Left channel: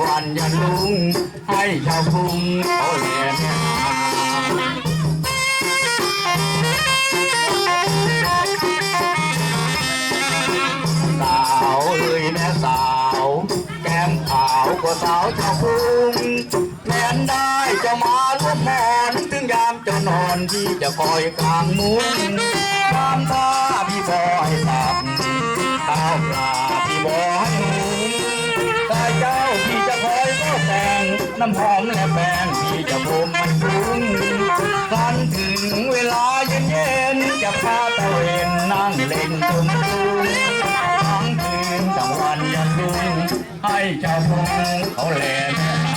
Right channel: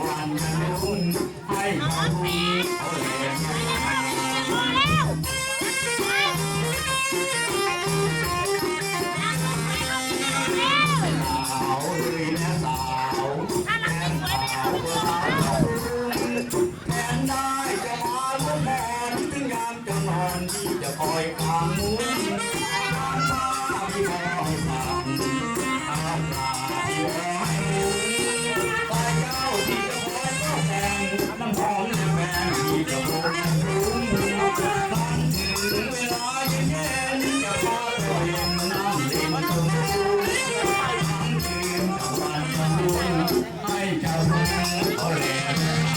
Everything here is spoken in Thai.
วันยันลุงให้ชาวกรุงเขาแลแม่สาวเลยแม่สาว แก้มขาวก็สาวชาวกรุงแทนได้จะมาลุกนอนถึงยามจะนอนที่จะคอยกลางมุ้ง น้ำหอมและแป้งที่จะโบกมันปรุงครั้นถึงเวลาเย็นๆจะพาตะเวนนั่งเล่นตรงตุงทั้งคืนกลางวันยันดุงให้เจ้าพงเขาแลแม่